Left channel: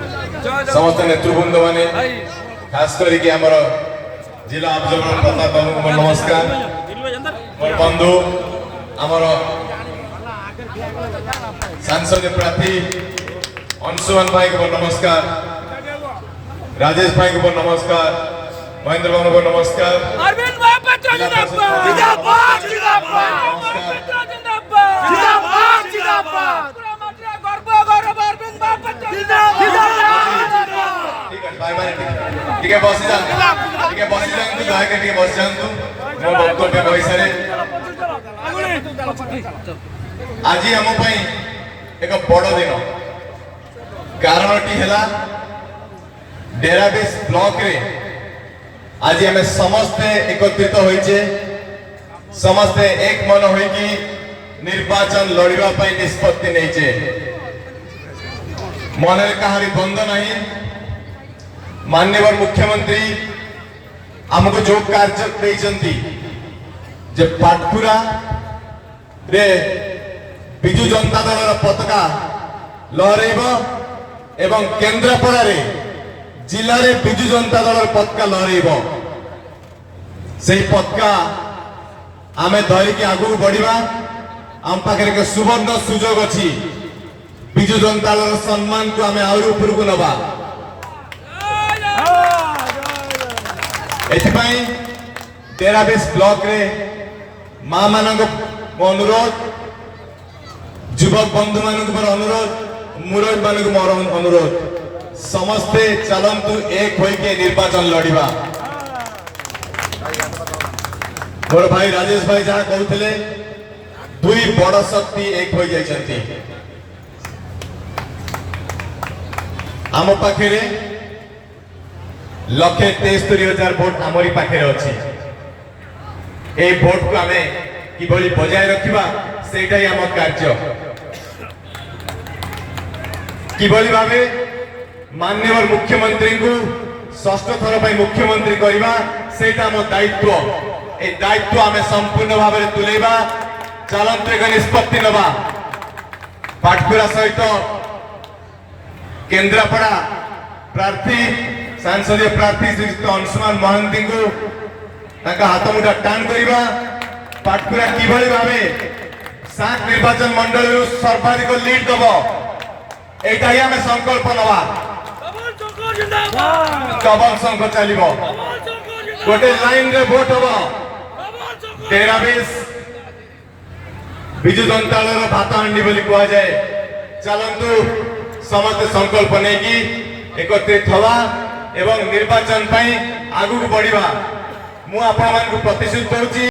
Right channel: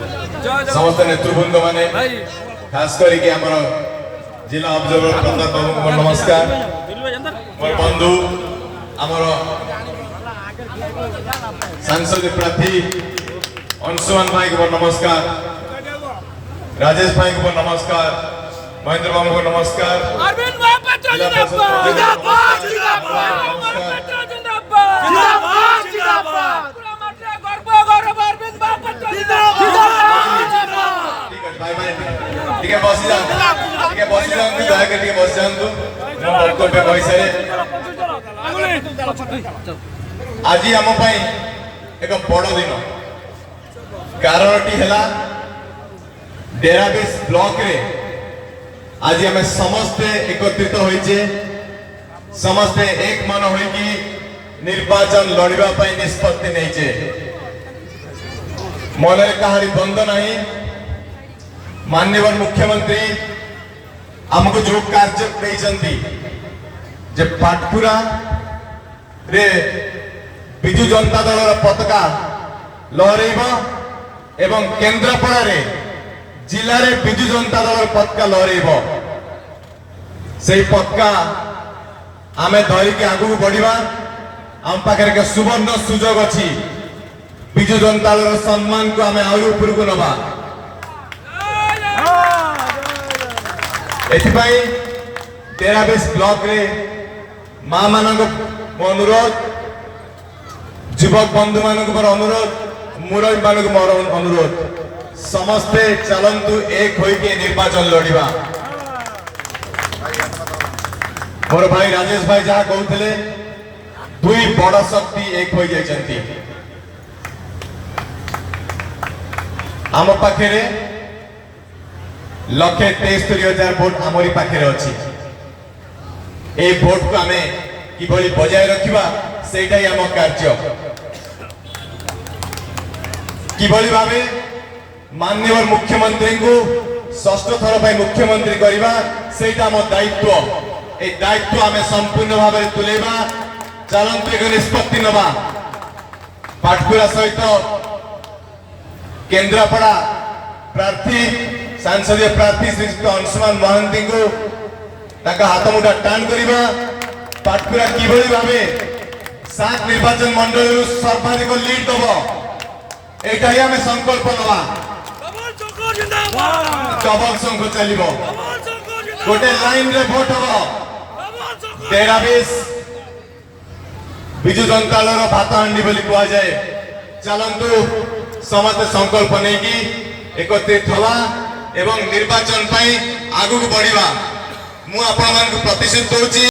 समस्त नेतृवृंद माने खास करके हमर जिला ऑब्जर्वर प्रताप बाबू को नमस्कार। मोर बंधु हमर सांसद प्रार्थी अंशुमान भाई को नमस्कार, राजेश भाई को नमस्कार, महेंद्र बाबू को नमस्कार, अरविंद महापात्र जिंदाबाद जिंदाबाद जिंदाबाद जिंदाबाद जिंदाबाद पूरा मात्रा गर्व अरविंद महापात्र जिंदाबाद जिंदाबाद। ठीक है भाई भाई ठीक है बस जा, ठीक है बस जा, तू दया करके बस जा, तू मो वक्तव्य कहि सारे। आज हम पई एक बड़ दिन कारणटी हैला डेराबेस ब्लॉक रे आज हमें समस्ते एकत्रित होइछे, समस्ते एक मन होई कि निर्वाचन लड़िबा पई निष्पत्ति नैछे। मने कहारी बंद नहीं। माननीय मुख्यमंत्री हमको जो कार्य देइछंती जे पाटकुरा रे बिजु जनता दल पताका लहरेब एवं केन्द्रापड़ा रे जिले में बिजु जनता दल पताका लहरेब। से पताका आमे धरिकी आगू बढ़िबा। आम पाखे के सुवर्ण सुजोग अच्छी बिजु जनता दल सम्मान को आमे आउर ऊपर को नबा। एथिपाई डेराबेस ब्लॉक रे मां मानक अनुरोध, युवक बंधु मानक अनुरोध, मुरब्बी मानक मोर अनुरोध, समस्ते चलंतु एक होइके निर्वाचन लड़िबा। मोर भाई राजेश भाई जहाँ कहते दुई बड़ शक्ति एक हो जाइछंती। आम पाखे लक्षे 73,000 भोट आमरी पाखे अच्छी। ए भोट को आमे किभली बजाय रखिबा सेटा ही आम कार्य। किभली भावे माननीय मुख्यमंत्री को षष्ठ थर पे मुख्यमंत्री करबा सेटा आम दायित्व। ए दायित्व आमे संपूर्ण भाव में तुलेबा, चलंत एक निष्पत्ति नबा। पाटकुरा सहित केन्द्रापड़ा प्रार्थी सांसदीय प्रार्थी श्री अंशुमान महांती को ताका हाथ मुठा टाण करिबा। पाटकुरा किभली भावे 7 निर्वाचन मंडल सर्वाधिक लीड दबो एटा ही हमें संकल्प नबा। डबल संख चलिबो, गोटे लाइन रे वोट हबो। डेराबेस बिजु जनता दल भात हांडी बोली कह जाए। चलंतु समस्त संकल्प नहीं कि एकत्रित हवा एवं निर्वाचन पाई आगु बढ़िबा। मु आपन को प्रतिश्रुति दउची।